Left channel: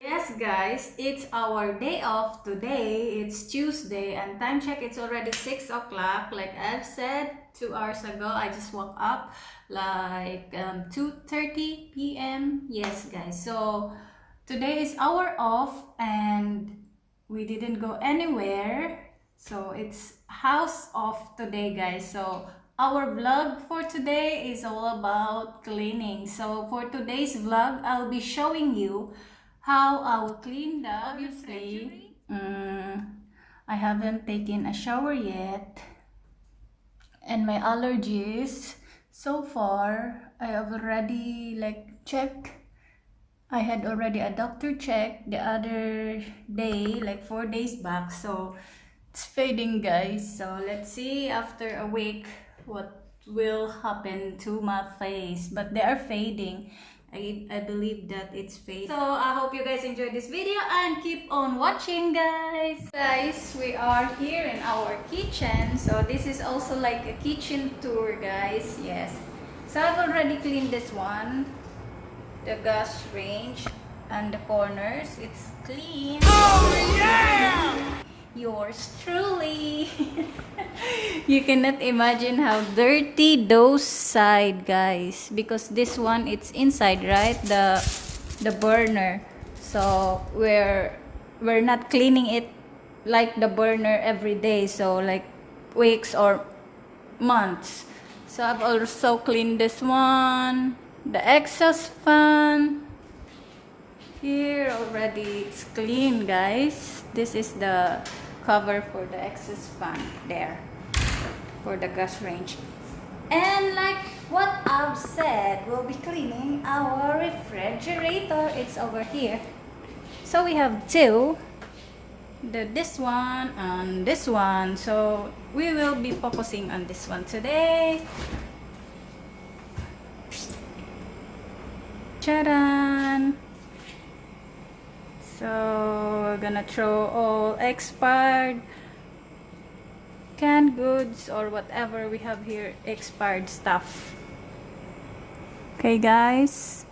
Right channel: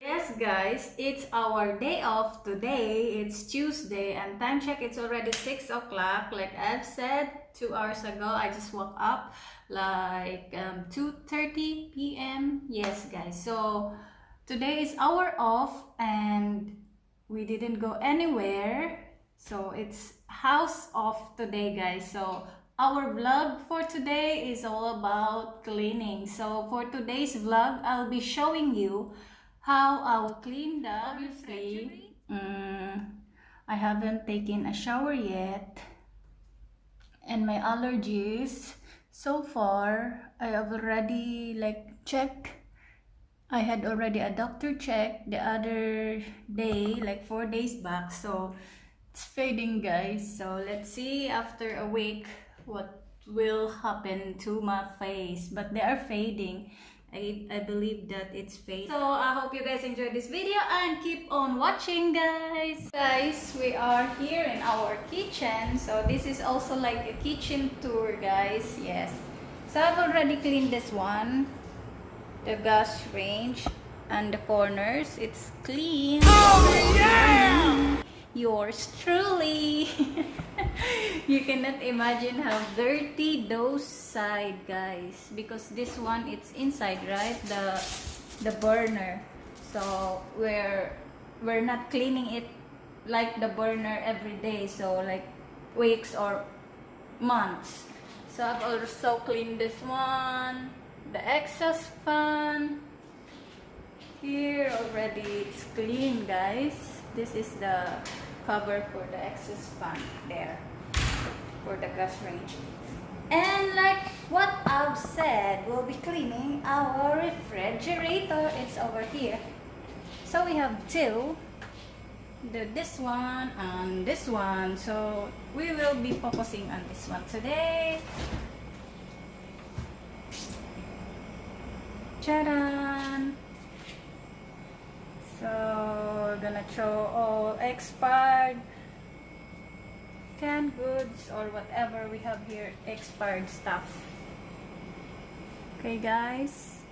Yes guys, it's our day off today. It's Tuesday and time check, it's already 6 o'clock. Like I've said 2 hours ago, I just woke up like 2:30 p.m. Yes guys, so today is our off and we didn't go anywhere. So it's house off today guys. So our vlog for today is all about cleaning. So for today's vlog, I'll be showing you how I will clean the obviously. I haven't taken a shower yet, and my allergies so far I have already checked. I had already a doctor check the other day, like 4 days back, so it's fading guys. So let's see after a week what will happen to my face, but they are fading. I believe that it's fading. So I hope you guys enjoyed this video and keep on watching guys. Guys, we are here in our kitchen. So this is also like a kitchen tour guys. Yes. So I've already cleaned this one. The gas range and the corners. It's clean. Oh yeah! Yours truly. You cannot imagine how dirty those side guys, because this one it's inside, right? The burner. So we're not cleaning it like the burner every day, so like weeks or months. So I've also cleaned this one, the exhaust fan. Here already it's clean guys. This is the cover for the exhaust fan there for the gas range. And like what I've said, we'll be cleaning our refrigerator. It's over here. So we have two, this one and this one. So we will be focusing on this one today. Ta-da! So we're gonna throw all expired canned goods or whatever we have here, expired stuff. Okay guys.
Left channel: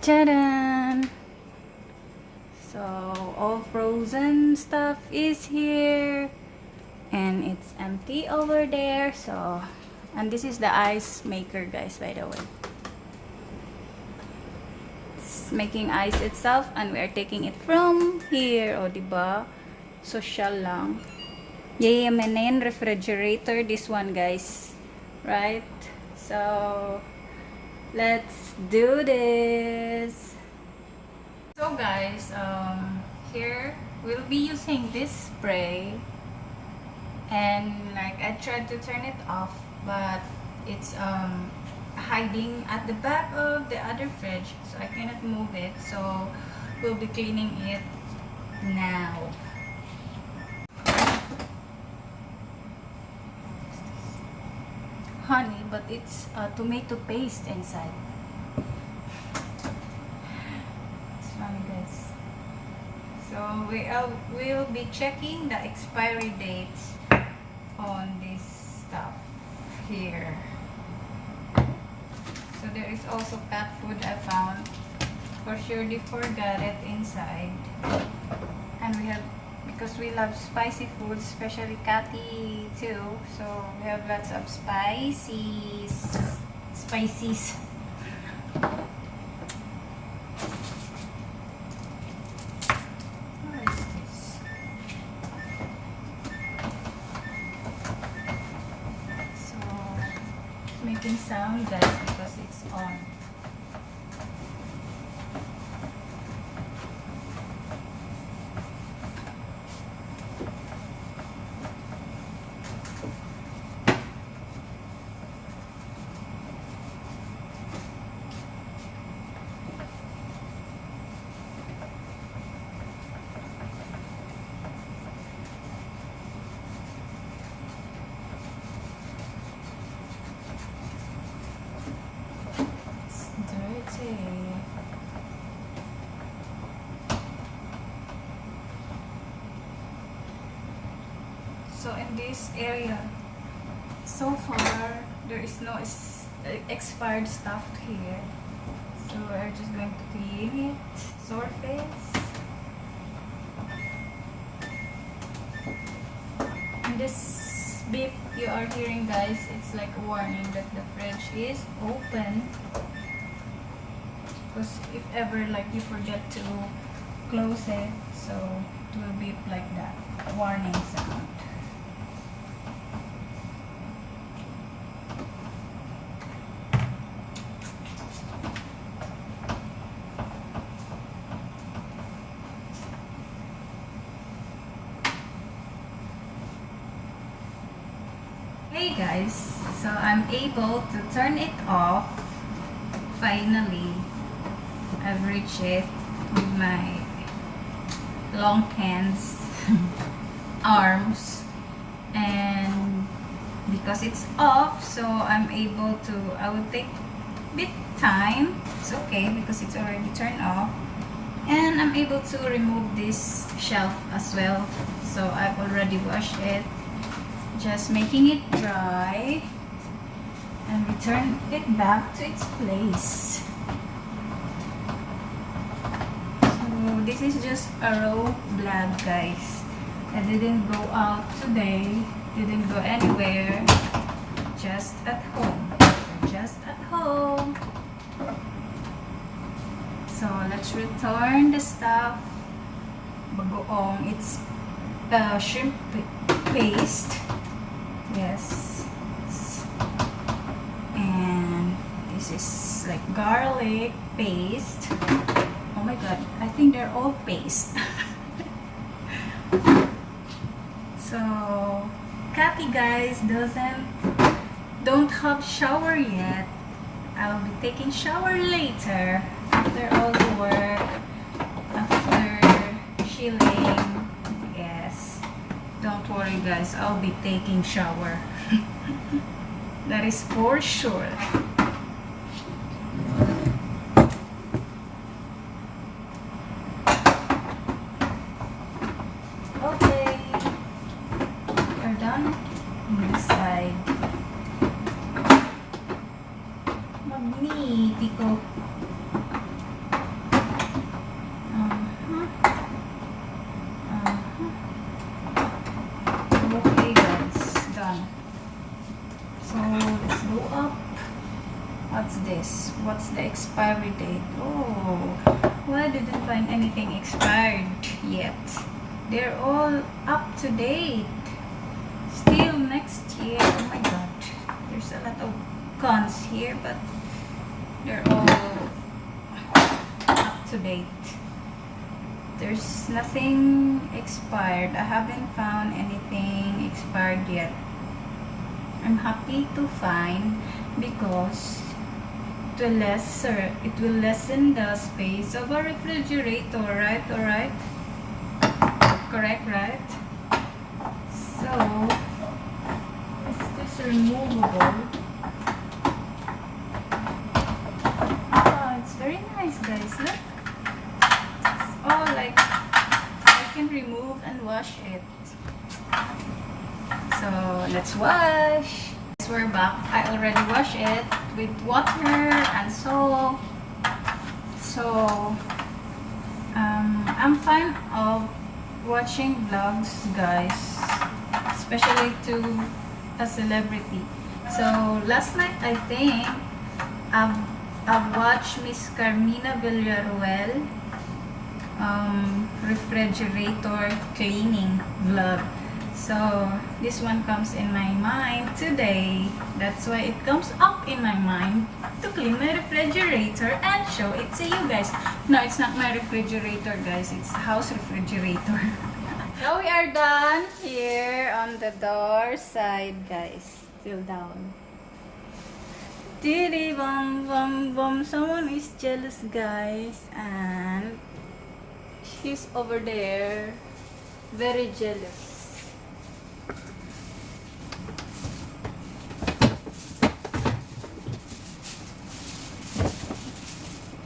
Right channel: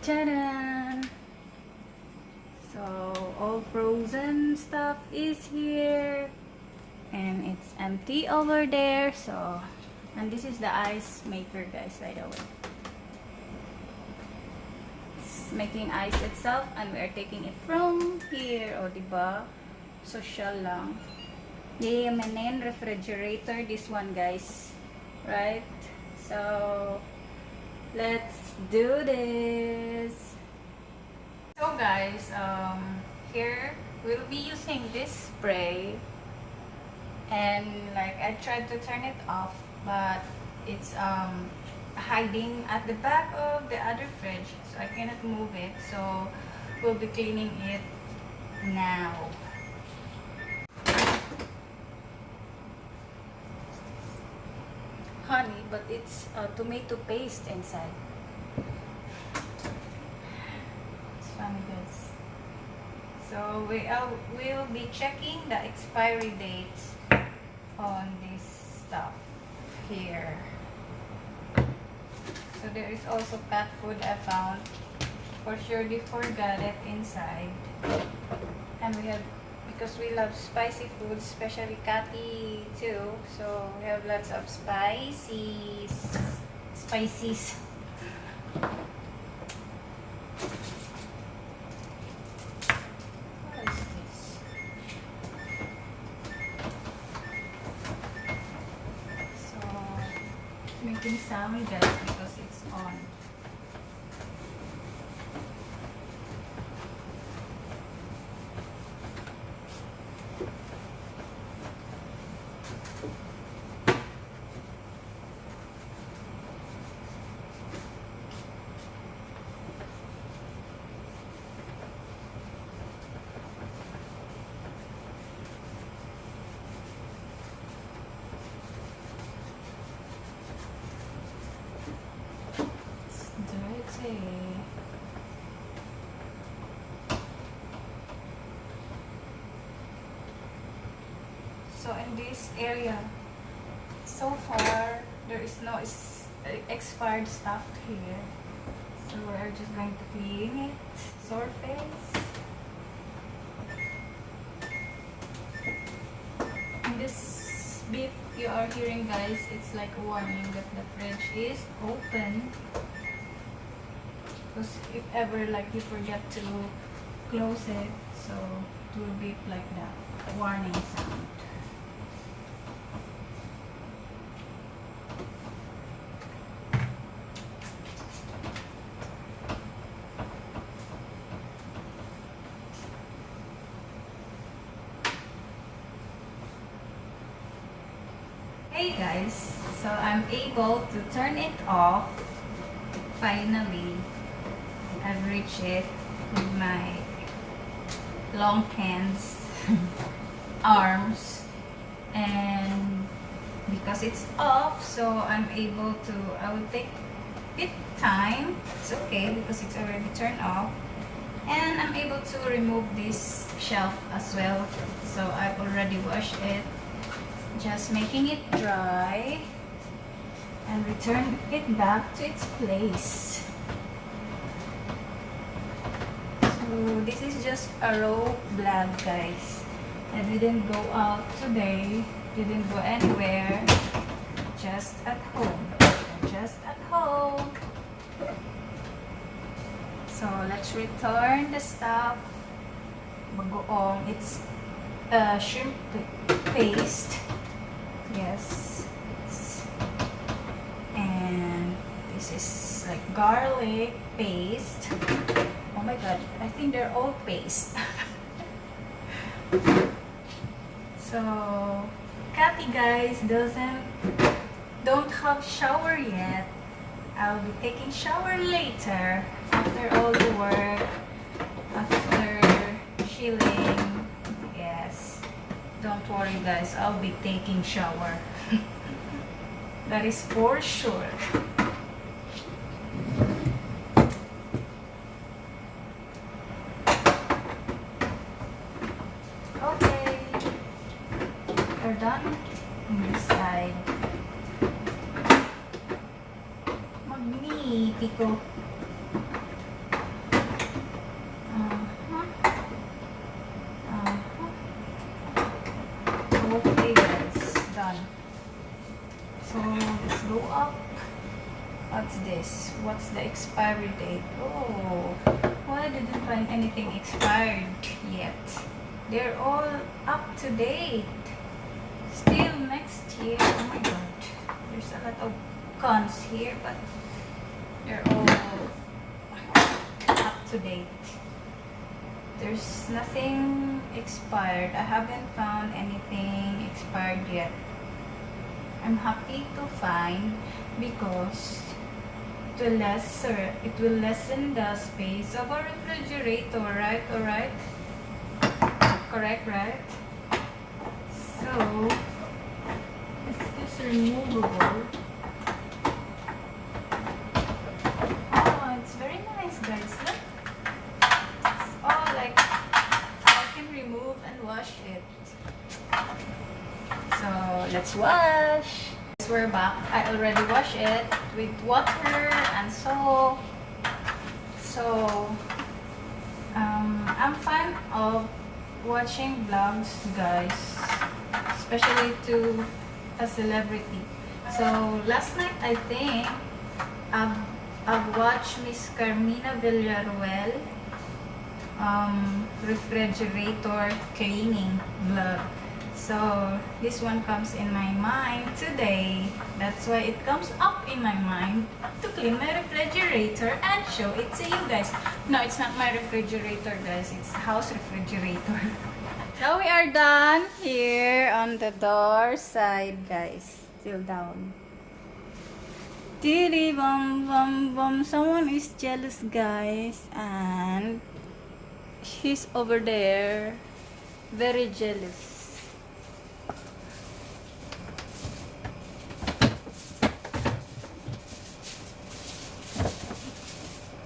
Ta-da! So all frozen stuff is here and it's empty over there. So, and this is the ice maker guys, by the way. Making ice itself and we are taking it from here. O diba, social lang. Yay, main refrigerator, this one guys, right? So let's do this. So guys, here we'll be using this spray, and like I tried to turn it off, but it's hiding at the back of the other fridge, so I cannot move it. So we'll be cleaning it now. Honey, but it's tomato paste inside. It's funny guys. So we'll be checking the expiry dates on this stuff here. So there is also cat food I found. For sure they forgot it inside. And we have, because we love spicy food, especially Cathy too. So we have lots of spices. Spices. What is this? So it's making sound guys because it's on. So in this area, so far there is no expired stuff here. So we're just going to clean it. Surface. And this beep you are hearing, guys, it's like a warning that the fridge is open. Because if ever like you forget to close it, so it will beep like that. Warning sound. Hey guys, so I'm able to turn it off. Finally, I've reached it with my long hands, arms, and because it's off, so I'm able to, I will take a bit time. It's okay because it's already turned off, and I'm able to remove this shelf as well. So I've already washed it. Just making it dry and return it back to its place. So this is just a raw vlog, guys. I didn't go out today, didn't go anywhere, just at home. Just at home. So let's return the stuff. Bagoong, it's shrimp paste. Yes, and this is like garlic paste. Oh my god, I think they're all paste. So Cathy, guys, don't have shower yet. I'll be taking shower later after all the work, after chilling. Yes. Don't worry, guys, I'll be taking shower. That is for sure. Okay, we're done on this side. Magnifico. Okay guys, done. So let's go up. What's this? What's the expiry date? Oh, well, I didn't find anything expired yet. They're all up to date. Still next year. Oh my god. There's a lot of cons here, but they're all up to date. There's nothing expired. I haven't found anything expired yet. I'm happy to find because it will lessen the space of a refrigerator, right? Alright? Correct, right? So, is this removable? Oh, it's very nice, guys. Look. Oh, like I can remove and wash it. So let's wash. We're back. I already washed it with water and soap. So I'm fan of watching vlogs, guys, especially to a celebrity. So last night I think I've watched Miss Carmina Villaruel refrigerator cleaning vlog. So this one comes in my mind today. That's why it comes up in my mind to clean my refrigerator and show it to you guys. No, it's not my refrigerator, guys. It's house refrigerator. Now we are done here on the door side, guys. Still down. Diddy bum bum bum. Someone is jealous, guys, and she's over there, very jealous.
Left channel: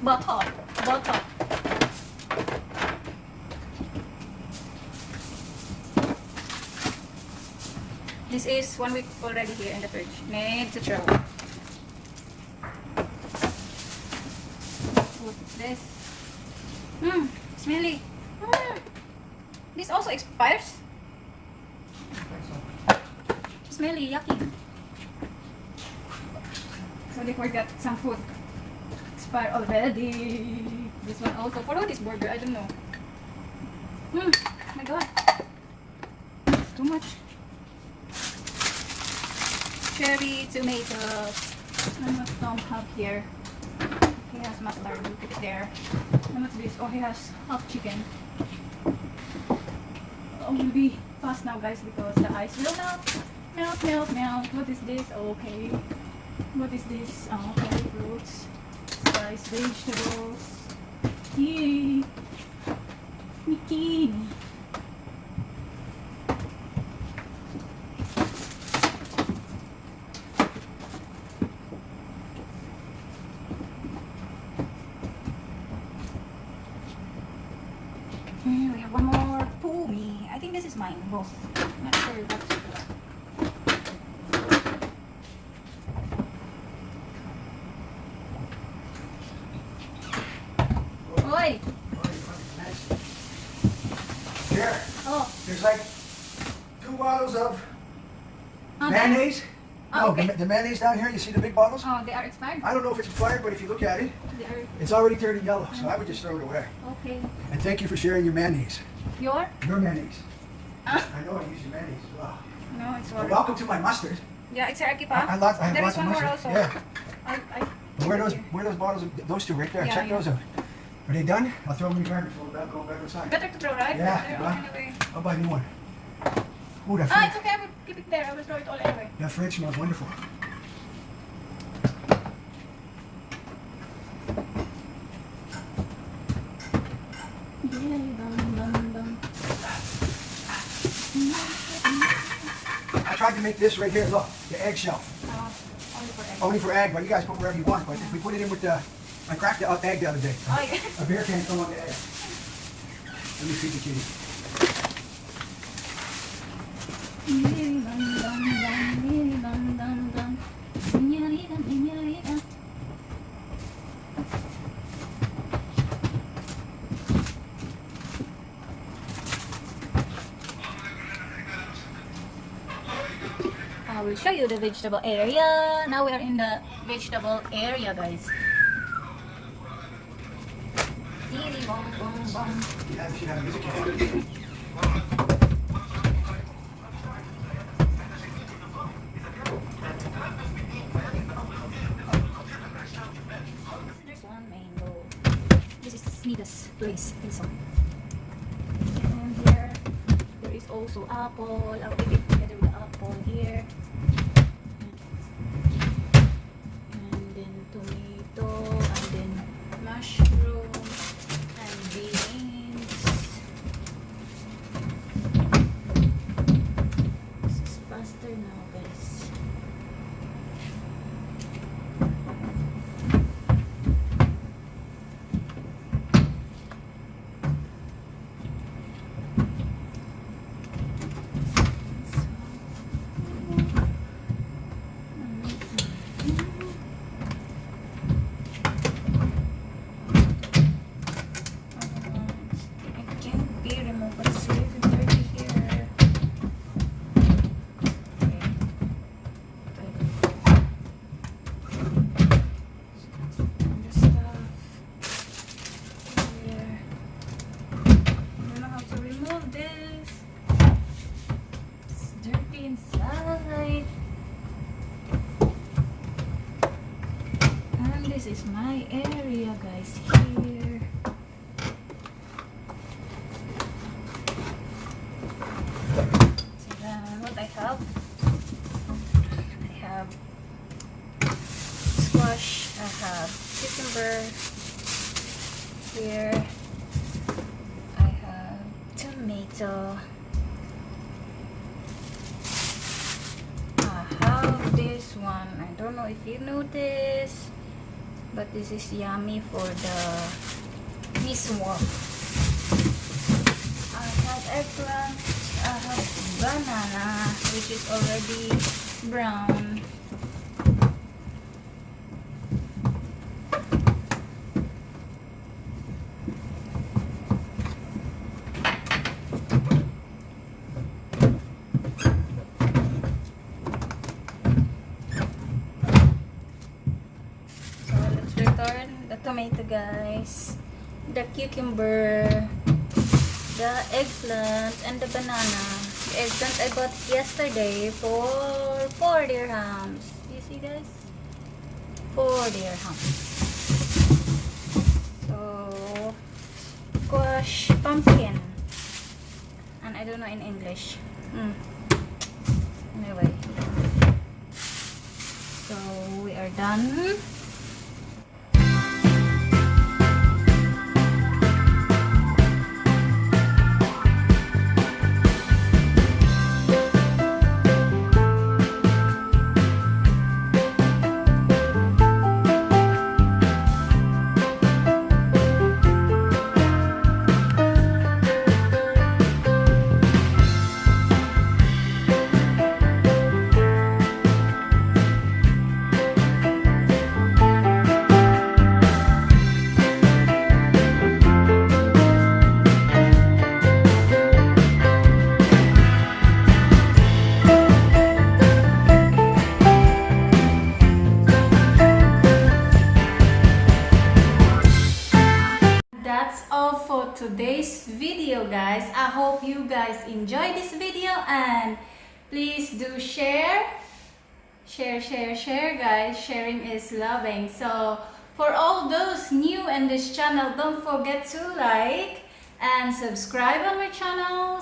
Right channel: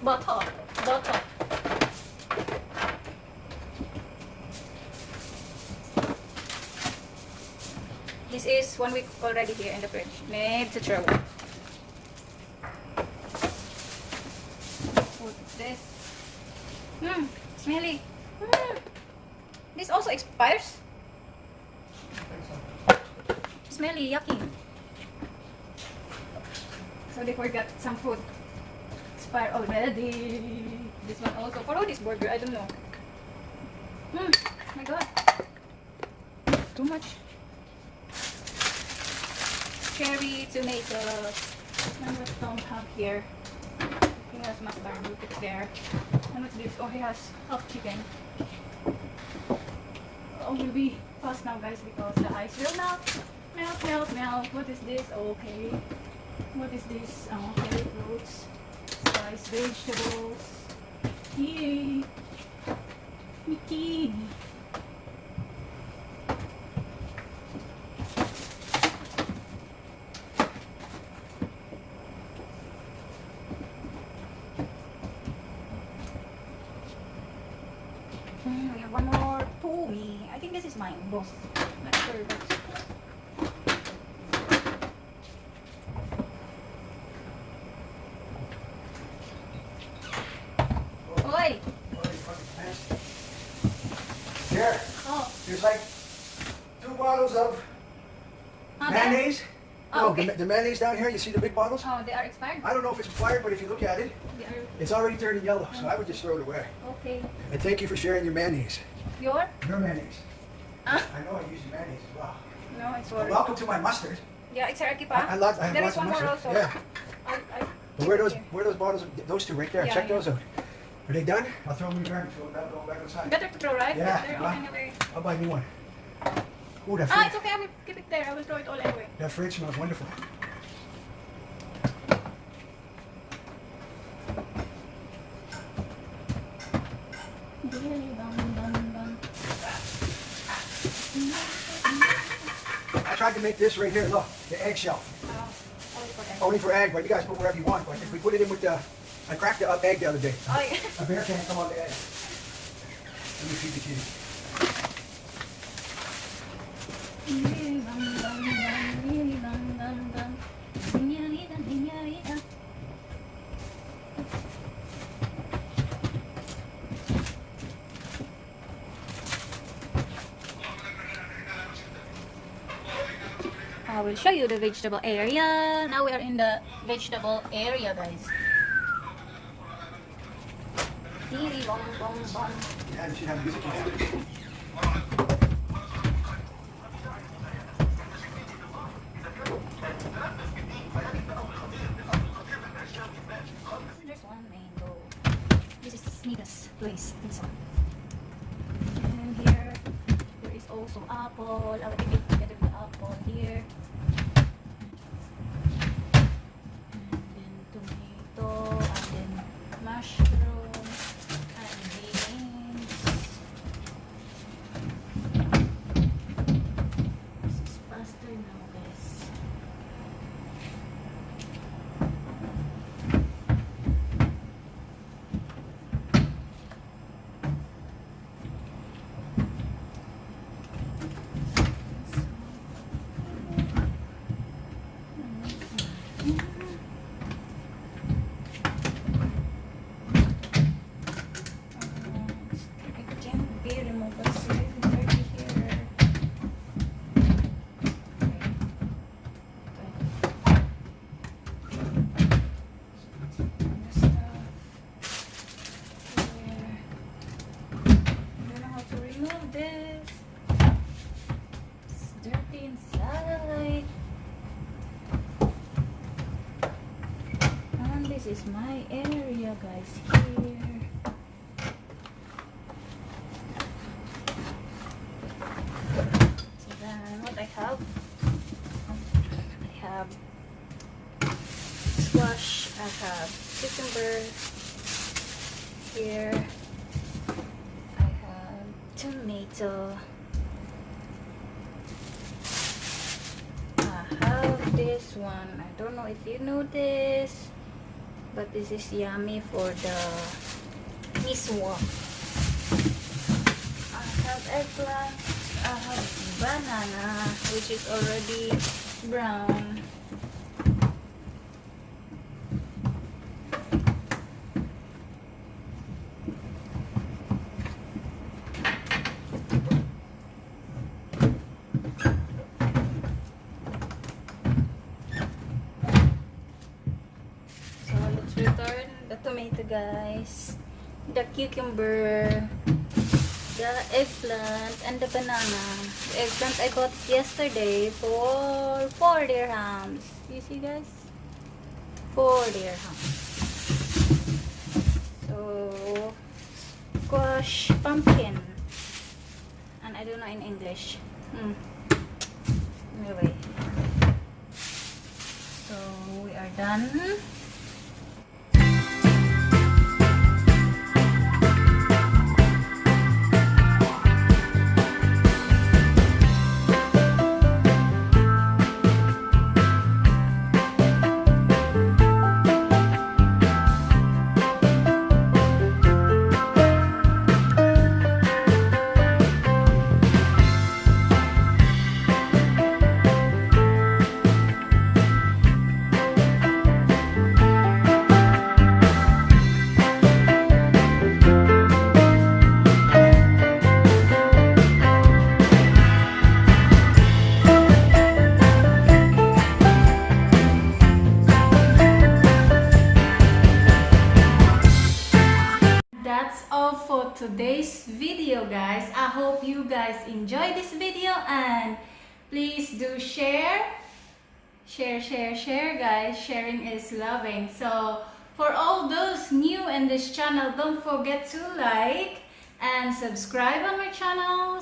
Butter. This is 1 week already here in the fridge. Need to throw. Smelly. This also expires. Smelly, yucky. So they forgot some food. Expired already. This one also. Follow this burger, I don't know. Oh my god. Too much. Cherry tomatoes. And what Tom have here? He has mustard. Look it there. And what's this? Oh, he has hot chicken. Oh, will be fast now, guys, because the ice will melt. Melt, melt, melt. What is this? Okay. What is this? Curry fruits. Sliced vegetables. Yay! Mickey! We have one more Pumi. I think this is mine, both. Not sure, but Oi! Here, Oh. there's like 2 bottles of Oh, mayonnaise. Oh, okay. The mayonnaise down here, you see the big bottles? Oh, they are expired? I don't know if it's expired, but if you look at it, They are. it's already turning yellow, so I would just throw it away. Okay. And thank you for sharing your mayonnaise. Your? Your mayonnaise. Ah. I know I use your mayonnaise as well. No, it's Well, for. welcome to my mustard. Yeah, it's Arki I pa. have There lots is of one more mustard. also. Yeah. But where are those bottles? Those 2 right there. Yeah, Check yeah. those out. Are they done? I'll throw them in the garbage. We'll go back inside. Better to throw, right? Yeah, Better, right. anyway. I'll buy a new one. Ooh, that Ah, French, it's okay. I will keep it there. I will throw it all anyway. that French smells wonderful. I tried to make this right here, look, the eggshell. Only for egg. Only for egg, but you guys put wherever you want. But if we put it in with the, I cracked the egg the other day. Oh, yeah. A bear can't come on the egg. Let me feed the kitty. I will show you the vegetable area. Now we are in the vegetable area, guys. Dee bum bum bum. Yeah, you should have music in there. There's one mango. This is Smitha's place, I think so. And here, there is also apple. I'll keep it together with the apple here. And then tomato, and then mushroom, and beans. This is faster now, guys. It can't be removed, but it's really dirty here. The stuff here. I don't know how to remove this. It's dirty inside. And this is my area, guys, here. So then what I have squash, I have cucumber here, I have tomato, I have this one, I don't know if you know this, but this is yummy for the miswa. I have eggplant, I have banana, which is already brown. The tomato, guys. The cucumber. The eggplant. And the banana. The eggplant I bought yesterday for 4 dirhams. You see, guys? 4 dirhams. So, squash, pumpkin. And I don't know in English. Anyway. So, we are done. That's all for today's video, guys. I hope you guys enjoyed this video, and please do share, guys. Sharing is loving. So for all those new in this channel, don't forget to like and subscribe on my channel,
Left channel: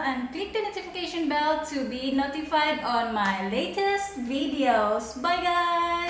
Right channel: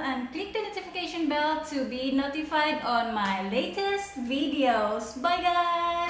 and click the notification bell to be notified on my latest videos. Bye, guys.